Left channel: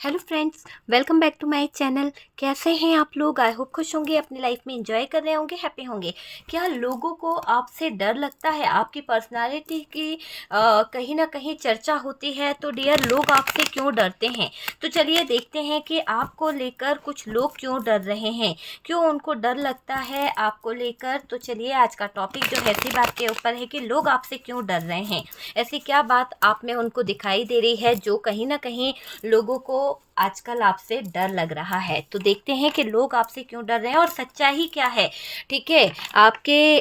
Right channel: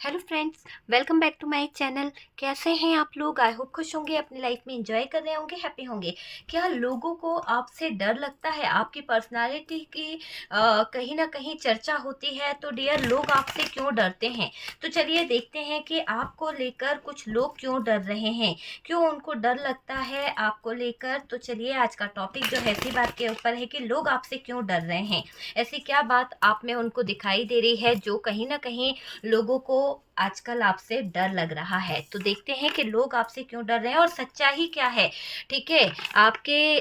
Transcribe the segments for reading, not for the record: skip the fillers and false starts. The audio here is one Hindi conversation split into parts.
Hello friends, welcome back to my channel. कैसे हैं आप लोग? आई होप खुश होंगे, अपनी लाइफ में एंजॉय कर रहे होंगे, हैप्पी होंगे। क्या लोगों को आपसे डर लगता है? आपकी पर्सनालिटी की कहीं ना कहीं चर्चा होती है, तो डियर लोग आपसे क्यों डरते हैं? तो चलिए देखते हैं कि आपको लेकर कुछ लोग क्यों डर रहे हैं, क्यों उनको डर लगता है आपको लेकर। तो चलिए आज का टॉपिक जो है इसी बात के ऊपर है कि लोग आपसे क्यों डर रहे हैं। ऐसी क्या बात आप में उनको दिखाई दे रही है जो कहीं ना कहीं लोगों को आजकल आपसे डर लग रहा है? तो देखते हैं कि लोग आपसे क्यों डर रहे हैं और सच्चाई क्या है। ठीक है, आपके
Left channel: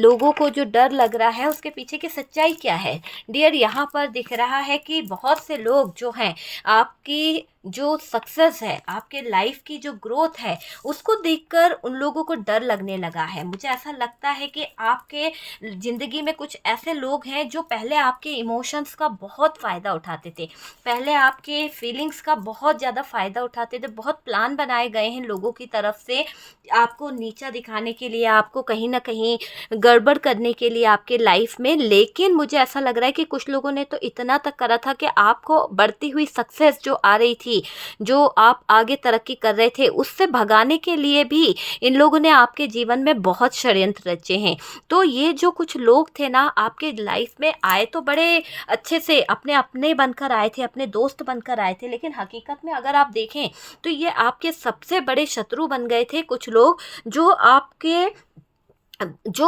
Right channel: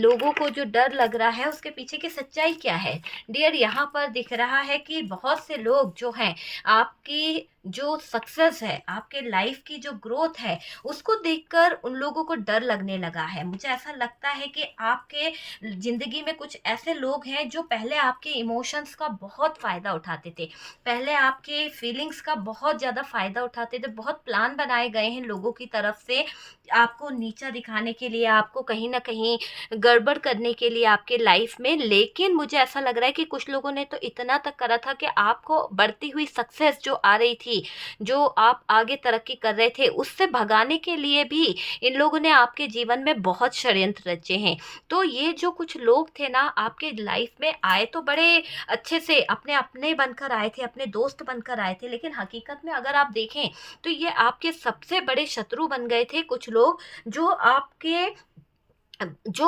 लोगों को जो डर लग रहा है उसके पीछे की सच्चाई क्या है? डियर, यहाँ पर दिख रहा है कि बहुत से लोग जो हैं आपकी जो सक्सेस है, आपके लाइफ की जो ग्रोथ है, उसको देखकर उन लोगों को डर लगने लगा है। मुझे ऐसा लगता है कि आपके ज़िंदगी में कुछ ऐसे लोग हैं जो पहले आपके इमोशंस का बहुत फ़ायदा उठाते थे, पहले आपके फीलिंग्स का बहुत ज़्यादा फ़ायदा उठाते थे। बहुत प्लान बनाए गए हैं लोगों की तरफ से आपको नीचा दिखाने के लिए, आपको कहीं न कहीं गड़बड़ करने के लिए आपके लाइफ में। लेकिन मुझे ऐसा लग रहा है कि कुछ लोगों ने तो इतना तक करा था कि आपको बढ़ती हुई सक्सेस जो आ रही थी, जो आप आगे तरक्की कर रहे थे, उससे भगाने के लिए भी इन लोगों ने आपके जीवन में बहुत षड्यंत्र रचे हैं। तो ये जो कुछ लोग थे ना, आपके लाइफ में आए तो बड़े अच्छे से अपने अपने बनकर आए थे, अपने दोस्त बनकर आए थे, लेकिन हकीकत में अगर आप देखें तो ये आपके सबसे बड़े शत्रु बन गए थे। कुछ लोग जो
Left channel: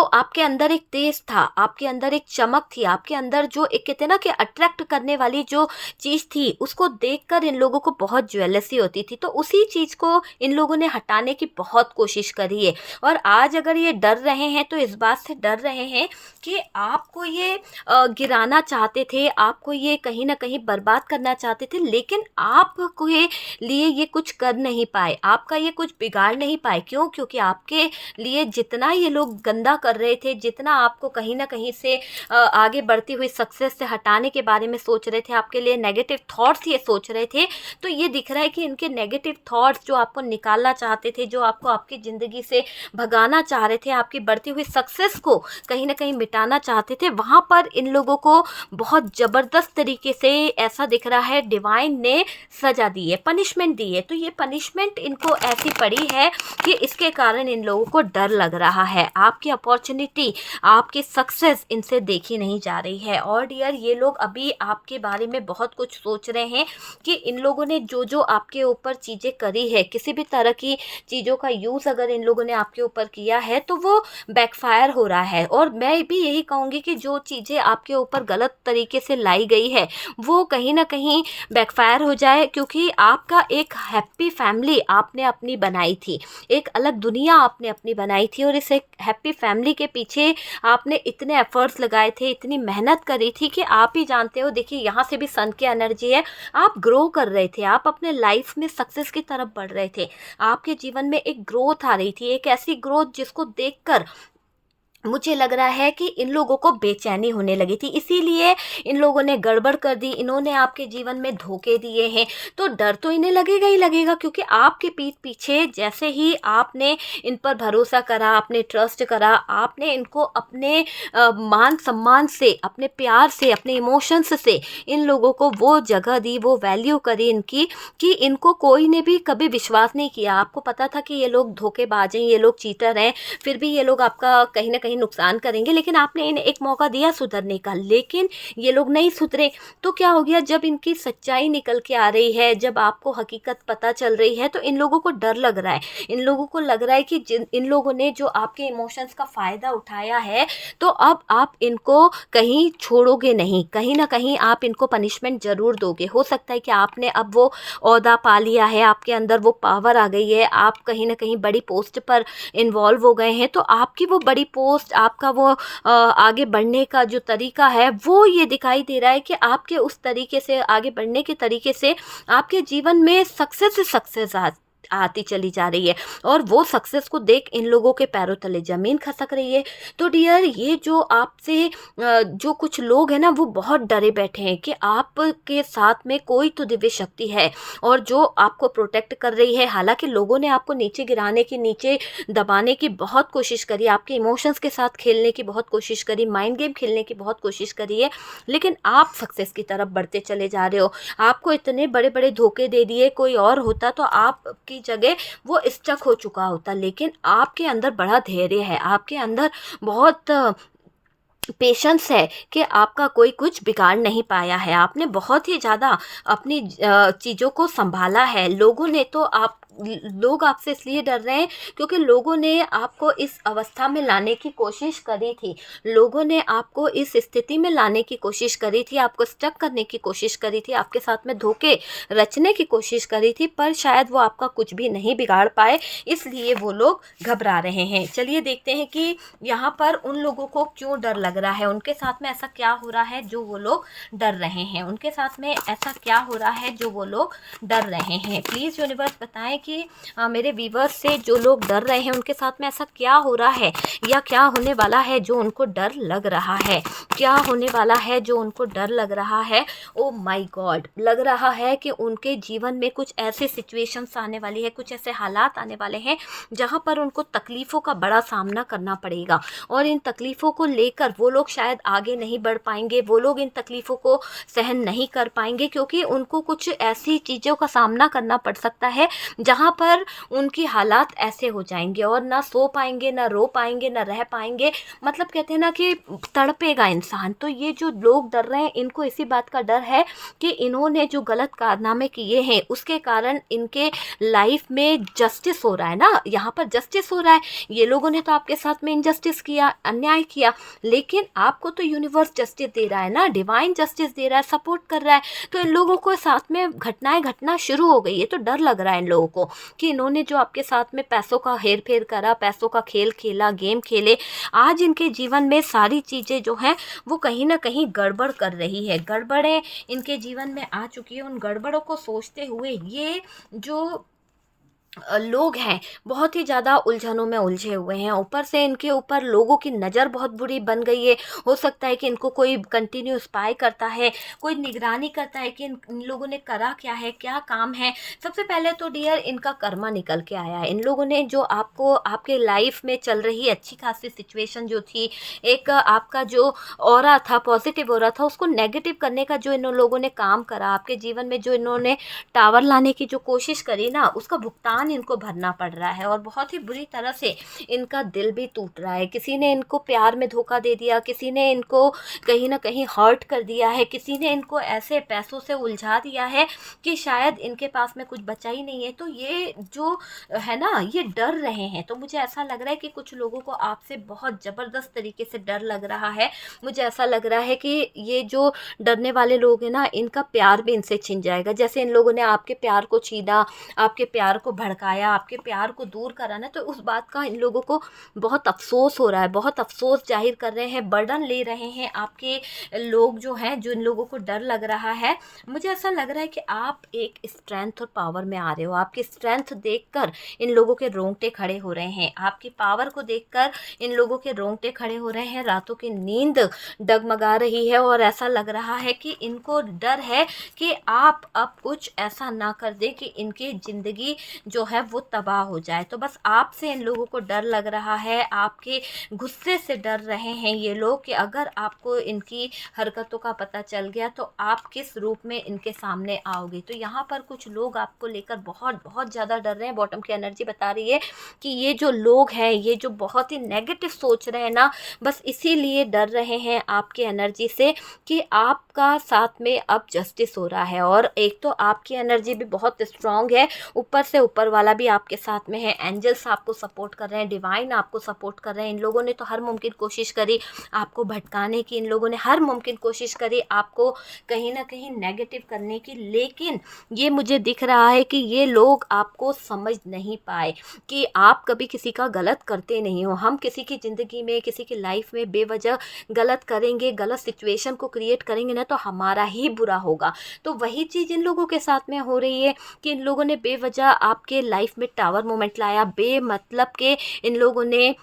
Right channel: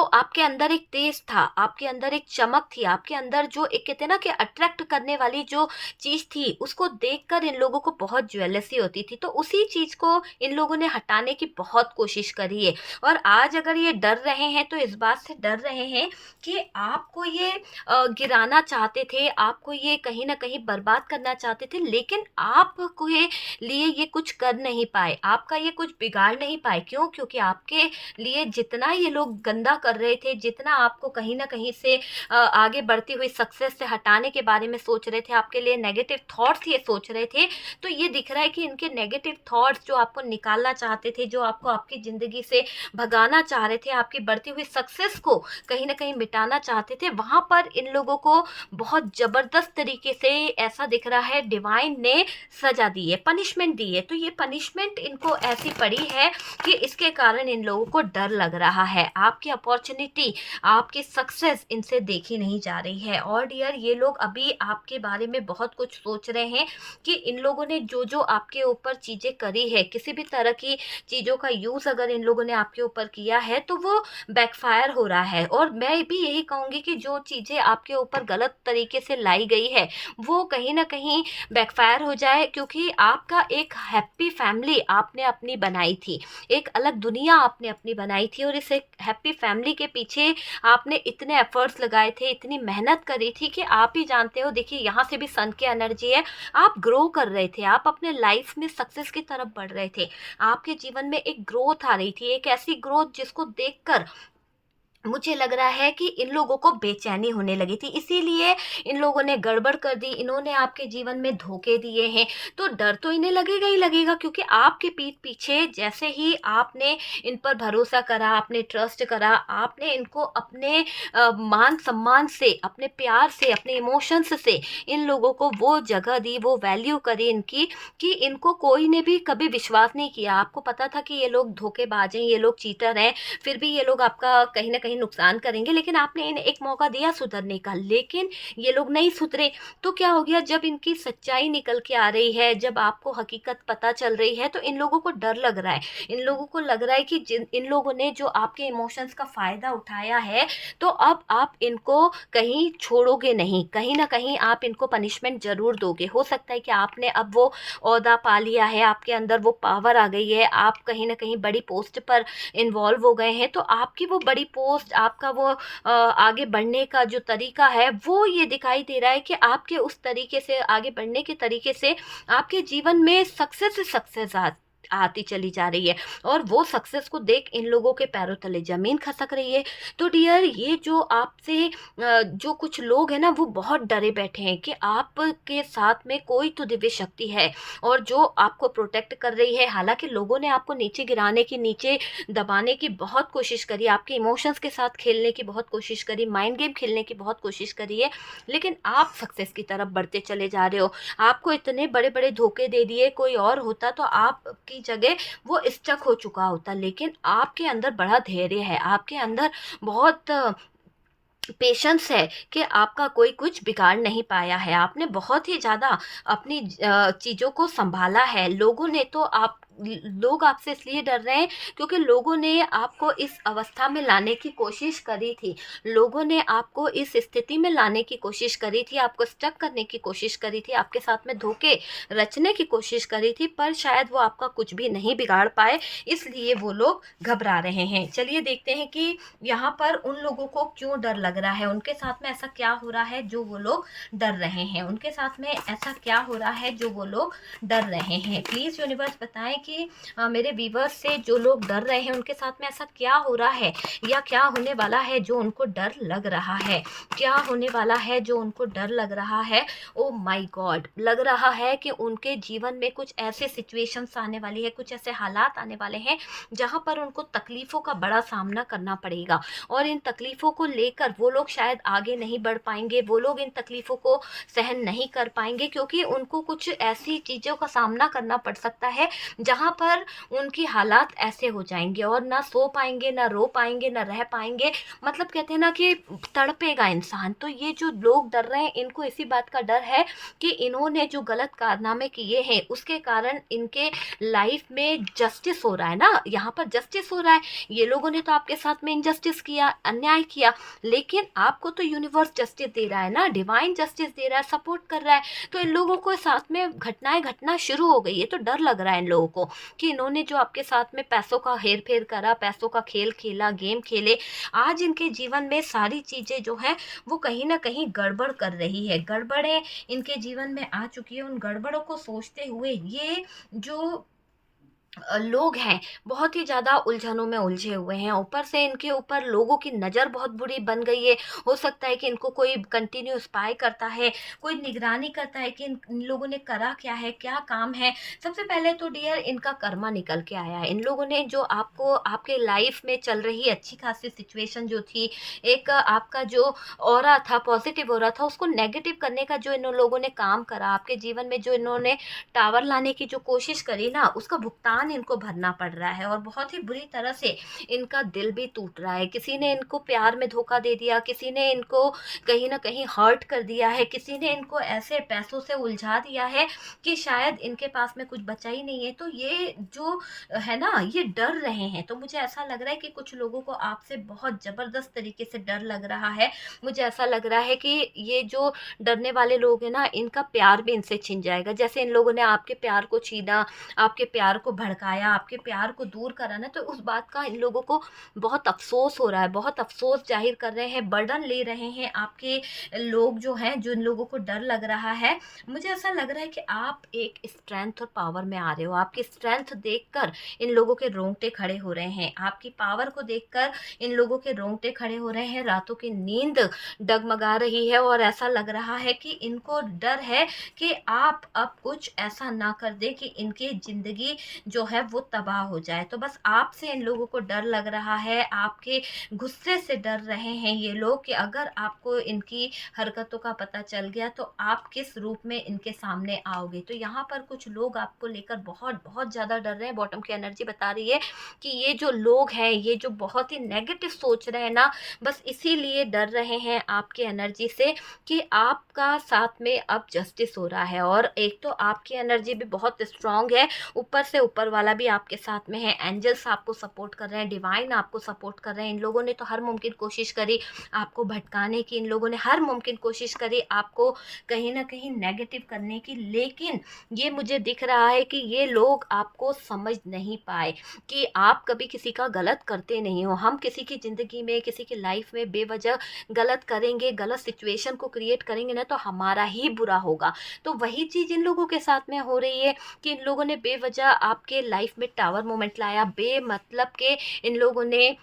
आपके अंदर एक तेज था, आपके अंदर एक चमक थी, आपके अंदर जो एक कहते हैं ना कि अट्रैक्ट करने वाली जो चीज़ थी, उसको देखकर इन लोगों को बहुत ज्वेलसी होती थी। तो उसी चीज़ को इन लोगों ने हटाने की बहुत कोशिश करी है। और आज अगर ये डर रहे हैं तो इस बात से डर रहे हैं कि आपको ये गिराना चाहते थे, आपको ये कहीं न कहीं बर्बाद करना चाहते थे, लेकिन आपके लिए ये कुछ कर नहीं पाए, आपका ये कुछ बिगाड़ नहीं पाए। क्यों? क्योंकि आपके लिए जितना ये लोग गंदा कर रहे थे, जितना आपको कहीं न कहीं से आगे बढ़ती हुई सक्सेस से हटाने के बारे में सोच रहे थे, आपके लिए नेगेटिव थॉट्स ये सोच रहे थे, तो ये दिख रहा है कि इनके नेगेटिव थॉट्स जो आपको निकालना चाहते थे, जो आपको आपकी ज़िंदगी से भगाना चाह रहे थे, आपकी बढ़ती हुई सक्सेस को कहीं न कहीं मिटाना चाहते थे, वहाँ पर इन लोगों को बहुत ज़बरदस्त तरीके से ऐसा दिख रहा है डिवाइन ने सज़ा दी है, पनिशमेंट दी है। तो ये पनिशमेंट इनको ऐसी पड़ी है कि इसके कारण इन लोगों को डर लग रहा है। आपकी अपॉर्चुनिटी, आपकी सक्सेस इनसे देखी नहीं जा रही है। और डियर, ये लोग अभी आपके बारे में बहुत कुछ सोच रहे हैं कि इन लोगों ने जो आपके ऊपर चीज़ें करी है, किसी भी तरह की चीज़ों का यूज़ अगर इन लोगों ने आपके ऊपर किया है तो वो बैकफायर हो रहा है। और मैं भी यही कहूँगी कि जो चीज़ें आपके ऊपर गलत तरीके से लाई गई है, वो कहीं न कहीं बैकफायर हो जाए, क्योंकि आपका एक हैप्पी फैमिली आपने अपनी बनाई थी, एक अलग दुनिया आपने अपनी बनाई थी, और इस एक हैप्पी फैमिली के पीछे आपने इतने एफर्ट्स लगाए थे, इतनी मेहनत करी थी कि आप ही जानते हो। देखिए, यहाँ से भी सन की एनर्जी है। आप ग्रो कर रहे थे, आप अपने लाइफ में सक्सेस की तरफ बढ़ रहे थे, आपके जीवन में एक ग्रोथ आ रही थी, एक ऐसी ग्रोथ जिसको देखकर मुझे लग रहा है कि इन लोगों को बेचैनी होने लगी थी, इसीलिए इन लोगों ने गड़बड़ कर दी, इन्होंने आपके जीवन में धोखे दिए हैं। तो डर तो इन्हें लगेगा ही लगेगा, क्योंकि आपके पीठ पीछे जैसे ही आपने इन पर भरोसा करा, आपने ट्रस्ट करा, आपने इनको अपने मान सम्मान से, अपने प्यार से, अपने इमोशंस से इन लोगों को वो जगह दी, वो वैल्यू करी इनकी, कि इनको कोई ने भी कभी विश्वास नहीं किया। आपको पता था कि ये लोग धोखेबाज हैं, ये लोग चीटर हैं, फिर भी ये लोग आपका कहीं न कहीं नुकसान करेंगे, लेकिन आपने इन्हें एक मौका दिया सुधरने का, लेकिन ये लोग नहीं सुधरे। तो क्या हो गया, जब इनकी सच्चाई निकल के आ रही है, जब आपको हकीकत पता चल रही है, तो इन लोगों को डर लग रहा है। इन लोगों को लग रहा है कि जिन इन लोगों ने जो आपके इमोशंस का फ़ायदा उठाया है, तो अब आप इनको कहीं छोड़ोगे नहीं, कहीं न कहीं आप इनको पनिशमेंट ज़रूर दोगे। हो सकता है कि आपने अब वो ओहदा पा लिया है, आपके अंदर वो पावर आ गई है, आप कहीं न कहीं बड़ी पोस्ट पर इन्वॉल्व हो गए हैं, तो आपकी वो बड़ी पोस्ट, आपका वो आगे बढ़ने का जो तरीका है, वो ये दिखाई दे रहा है कि आपके उस तरीके से आगे बढ़ने के तरीके से आपके जीवन में सक्सेस ही सक्सेस आती चली जा रही है और वो सक्सेस को देख इन लोगों के पैरों तले ज़मीन खसक रही है। तो डियर, ये जो आपसे जो कुछ लोग हैं ना, वो बहुत डरे बैठे हैं कि आपके साथ में कोई तो दिव्य शक्ति है और जो आपको प्रोटेक्ट कर रही है। हालाँकि लोगों ने आपको नीचे गिराने की, नीचे दबाने की बहुत कोशिश करी, आपके इमोशंस के साथ खेलने की बहुत कोशिश करी, माइंड गेम खेलने की बहुत कोशिश करी है, लेकिन आप सक्सेस की तरफ बढ़ते चले जा रहे हो। आपको इतने बड़े-बड़े धोखे दे दिए, कोई और होता तो आपकी जगह वो स्टक हो चुका होता, लेकिन आपके अंदर बड़ा धैर्य है, आपके अंदर बहुत पेशेंस है कि आपका कोई कुछ बिगाड़ नहीं पाया है। आपने बहुत ही ज़्यादा अपनी चीज़ों को सँभाला है। लोगों ने तो आप ल लोग आपसे इसलिए डर रहे हैं क्योंकि लोगों ने आपको इस अवस्था में लाने की कोशिश करी थी। लोगों ने आपको इस स्थिति में लाने की कोशिश करी थी, आपको स्टक करने की कोशिश करी थी, आपके साथ में धोखे रचने की कोशिश करी थी, पर शायद वो आपका कुछ भी नहीं बिगाड़ पाए, इसलिए वो लोग घबरा रहे हैं। चलिए देखते हैं कि यहाँ पर उन लोगों को क्यों डर लग रहा है, उनके साथ में ऐसा क्या हो रहा है जो वो लोग डर रहे हैं, उनके साथ में ऐसा क्या हो रहा है जो वो लोग डर रहे हैं। प्लीज़ यूनिवर्स बताएं कि मेरे व्यूवर्स से जो लोग डर रहे हैं उनके साथ में ऐसा क्या हो रहा है या क्या होने वाला है जो उनको डर लग रहा है, क्या होने वाला है जो उनको डर लग रहा है। ओ माय गॉड, लग रहा है कि उनके जीवन में कुछ ऐसे सिचुएशंस आने वाली है, कुछ ऐसे हालात आने वाले हैं जहाँ पर उनको तकलीफ़ों का बड़ा सामना करना पड़ेगा और इन तकलीफ़ों को लेकर वो लोग शायद आगे नहीं बढ़ पाएँगे, वो लोग इन तकलीफ़ों को सहन नहीं कर पाएँगे क्योंकि उनको कुछ ऐसी चीज़ों का सामना करना पड़ सकता है जहाँ पर उनकी हालात ऐसे हो जाएँगे और ना सो पाएँगे, ना रो पाएँगे, ना रह पाएँगे। मतलब कहते हैं ना कि तड़पेगा इंसान। तो ये जो लोग डर रहे हैं, इनको इसी बात का डर है कि इन्होंने जो गलत कारनामे किए हैं उसके कारण इनके लाइफ में जस्टिस हो रहा है ना, यहाँ पर जस्टिस हो रहा है। ये लोगों ने तो आपके साथ में इनजस्टिस किया, अन्याय किया, लेकिन आपको तो यूनिवर्स जस्टिस दे रहा है ना, डिवाइन जस्टिस दे रहा है, सपोर्ट कर रहा है। तो इन लोगों को साथ में घटनाएं घटना शुरू हो गई है, तो डर लग रहा है इन लोगों को कि इन्होंने जो आपके साथ में पैसों का हेर फेर करा, पैसों का खेल खेला, गेम खेले, आज इनके जीवन में सारी चीज़ें जो हैं वो कहीं ना कहीं गड़बड़ कर रही है, गड़बड़ें इनके जीवन में आ चुकी है। उन गड़बड़ों को सोचते हुए ये जो लोग हैं बहुत ही ज़्यादा उलझनों में उलझे हुए हैं। ऊपर से इनके ऊपर लोगों की नज़र बहुत बुरी बन गई है। हो सकता है कि इनको कोई कंटिन्यू स्पाई करता है, कोई निगरानी करता है कि इन लोगों ने करा क्या है, क्या काम है। सबसे पहले तो डियर इनका कर्मा निकल के आया है। इन लोगों ने जो आपको आपके लाइफ में चल रही अच्छी खासी सिचुएशन जो थी, एक आपका जो ऑरा था, पॉजिटिव ऑरा था, उसको नेगेटिव करने का जो इन लोगों ने काम करा, आपके जीवन में जो इन्होंने टावर लाने की जो कोशिश करी ना, उसका भुगतान इनको भरना पड़ रहा है और बहुत ही बुरी तरह से इनका दिल भी टूट रहा है। किसी ने इनको प्यार में धोखा दे दिया, किसी ने इनको कहीं ना कहीं हर्ट कर दिया है, किसी ने इनको ऐसे पैसों से उलझा दिया है कि शायद इनके पास में कुछ बचा ही नहीं है। तो ये जो है ना, ये डर रहे हैं। तो मुझे ऐसा लग रहा है कि कुछ लोगों को आपसे बहुत ज़बरदस्त तरीके से डर लग रहा है। मुझे ऐसा लग रहा है कि ये जो डरने वाले लोग हैं ना, इनका प्यार भी इनसे छिन जाएगा। जैसे इन लोगों ने आपके प्यार को छीना, आपके प्यार को भड़काया, आपके प्यार को दूर करा ना, तो उस बात का इन लोगों को बहुत अफ़सोस हो रहा है, बहुत अफ़सोस ज़ाहिर कर रहे हैं, बर्डन ले रहे हैं आपके लोग जो हैं, जो इन लोगों को डर लग रहा है। मुझे ऐसा लग रहा है कि आप एक स्ट्रेंथ और पावर में आ रहे हो। आपकी स्ट्रेंथ देखकर इन लोगों के रोंगटे खड़े हो रहे हैं, आपकी पावर को देखकर इन लोगों के रोंगटे खड़े हो रहे हैं, रातों की नींद डगमगा रही है और ऐसा लग रहा है कि इनको डर है कि आप अब कुछ ऐसा ना कर दें कि इनकी ज़िंदगी जो है वो तबाह हो जाए। तो बस आपसे इन लोगों को डर लग रहा है, आपके गुस्से से डर रहे हैं ये लोग कि अगर आपको इनकी हरकतों का पता चल गया तो आप किस रूप में इनके सामने आओगे। तो यहाँ पर कुछ लोग आपको लेकर बहुत बहुत ज़्यादा डर रहे हैं। बॉटम की एनर्जी बता रही है कि ये जो लोग हैं, ये जो बहुत ही नेगेटिव सोच रहे हैं ना, बस इसीलिए डर रहे हैं आपके एनर्जी से कि आपका साथ में अब जस्टिस हो रहा है। और एक तो आपकी एनर्जी भी बहुत स्ट्रांग है, ऊपर से ऊपर वाला भी आपके साथ में है, एंजल्स आपको सपोर्ट कर रहे हैं, डिवाइन आपको सपोर्ट कर रहे हैं। इन लोगों ने तो हर मुमकिन कोशिश करी आपको भटकाने की, इन लोगों ने हर मुमकिन कोशिश करी आपको कहीं ना कहीं नेगेटिव करने की, लेकिन ये मुझे दिख रहा है कि ये लोग आपको समझ नहीं पाए कि आप कभी किसी का गलत करते नहीं हो। हम किसी की ज़िंदगी में, किसी की लाइफ में बेवजह गलत करेंगे, गलत सिचुएशन को क्रिएट करेंगे ना, तो हमारा ही बुरा होगा। तो वही चीज़ इन लोगों के साथ में हो रही है कि इन लोगों ने बेवजह आपके आपके लाइफ में टावर मोमेंट लाया, बेमतलब के इन लोगों ने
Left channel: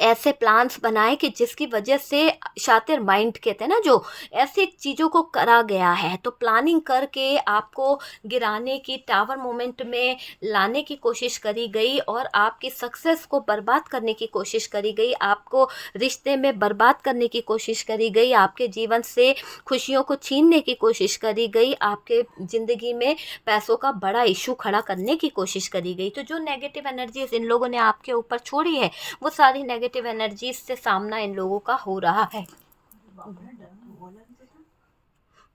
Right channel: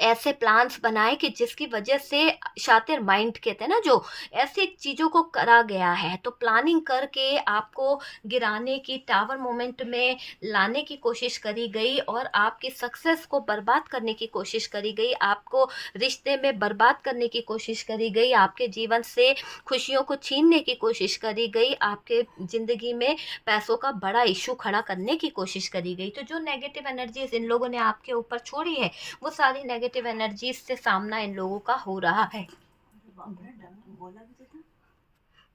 ऐसे प्लान्स बनाए कि जिसकी वजह से शातिर माइंड कहते हैं ना, जो ऐसी चीज़ों को करा गया है, तो प्लानिंग करके आपको गिराने की, टावर मोमेंट में लाने की कोशिश करी गई और आपकी सक्सेस को बर्बाद करने की कोशिश करी गई, आपको रिश्ते में बर्बाद करने की कोशिश करी गई, आपके जीवन से खुशियों को छीनने की कोशिश करी गई, आपके ज़िंदगी में पैसों का बड़ा इशू खड़ा करने की कोशिश करी गई। तो जो नेगेटिव एनर्जीज इन लोगों ने आपके ऊपर छोड़ी है, वो सारी नेगेटिव एनर्जीज से सामना इन लोगों का हो रहा है।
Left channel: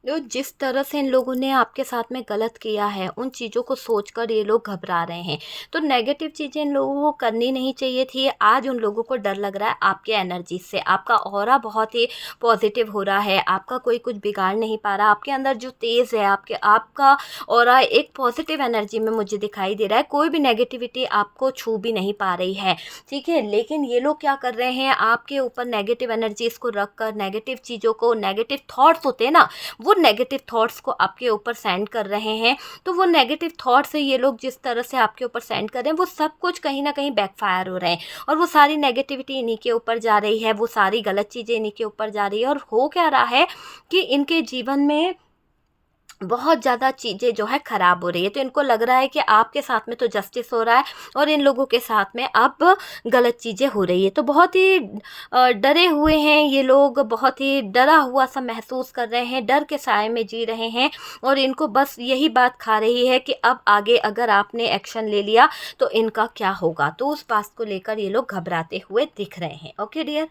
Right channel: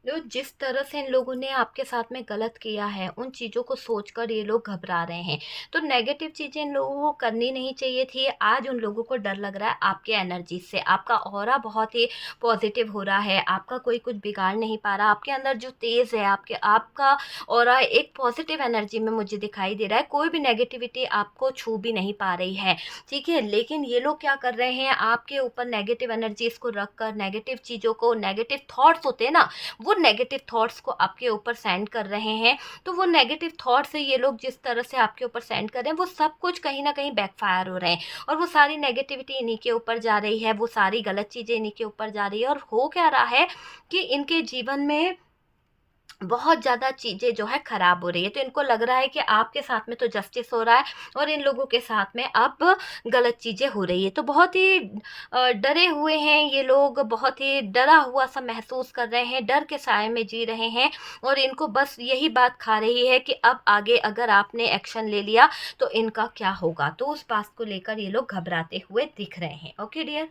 तो जिस तरह से इन लोगों ने आपके साथ में गलत किया है, उन चीज़ों को सोचकर ये लोग घबरा रहे हैं। तो नेगेटिव चीज़ें इन लोगों को करनी नहीं चाहिए थी। आज उन लोगों को डर लग रहा है आपके एनर्जी से। आपका ऑरा बहुत ही पॉजिटिव हो रहा है, आपका कोई कुछ बिगाड़ नहीं पा रहा। आपके अंदर जो तेज़ है, आपका ऑरा एक पॉजिटिव एनर्जी में मुझे दिखाई दे रहा है। कोई भी नेगेटिविटी आपको छू भी नहीं पा रही है, ठीक है। लेकिन ये लोग क्या कर रहे हैं, आपके ऊपर नेगेटिव एनर्जीज़ को रख कर, नेगेटिव चीज़ों को, नेगेटिव थॉट्स होते हैं ना, वो नेगेटिव थॉट्स को आपके ऊपर सेंड कर रहे हैं। तो वो नेगेटिव थॉट्स से ये लोग जिस तरह से आपके ऊपर सेंड कर रहे हैं, वो सब कुछ कहीं ना कहीं बैकफायर हो रहे हैं और वो सारी नेगेटिविटी इन्हीं के ऊपर जा रही है, वो सारी गलत चीज़ें इन्हीं के ऊपर जा रही है। और हो क्या रहा है कि इनके जीवन में बहुत ज़्यादा चीज़ें जो है ख़राब हो रही है। तो इनको लग रहा है कि आपके साथ में तो जस्टिस हो रहा है और इन लोगों के साथ में अब गलत चीज़ें हो रही है। तो बहुत ही डरे हुए हैं ये लोग, बहुत ही डरा हुआ सा महसूस कर रहे हैं, डर के साए में जी रहे हैं और इनको बस यही बात खा रही है कि अब आगे अगर आपने एक्शन ले लिया तो इनका क्या होगा। तो उस बात को लेकर ये लोग घबराते हुए दिख रहे हैं। Okay dear.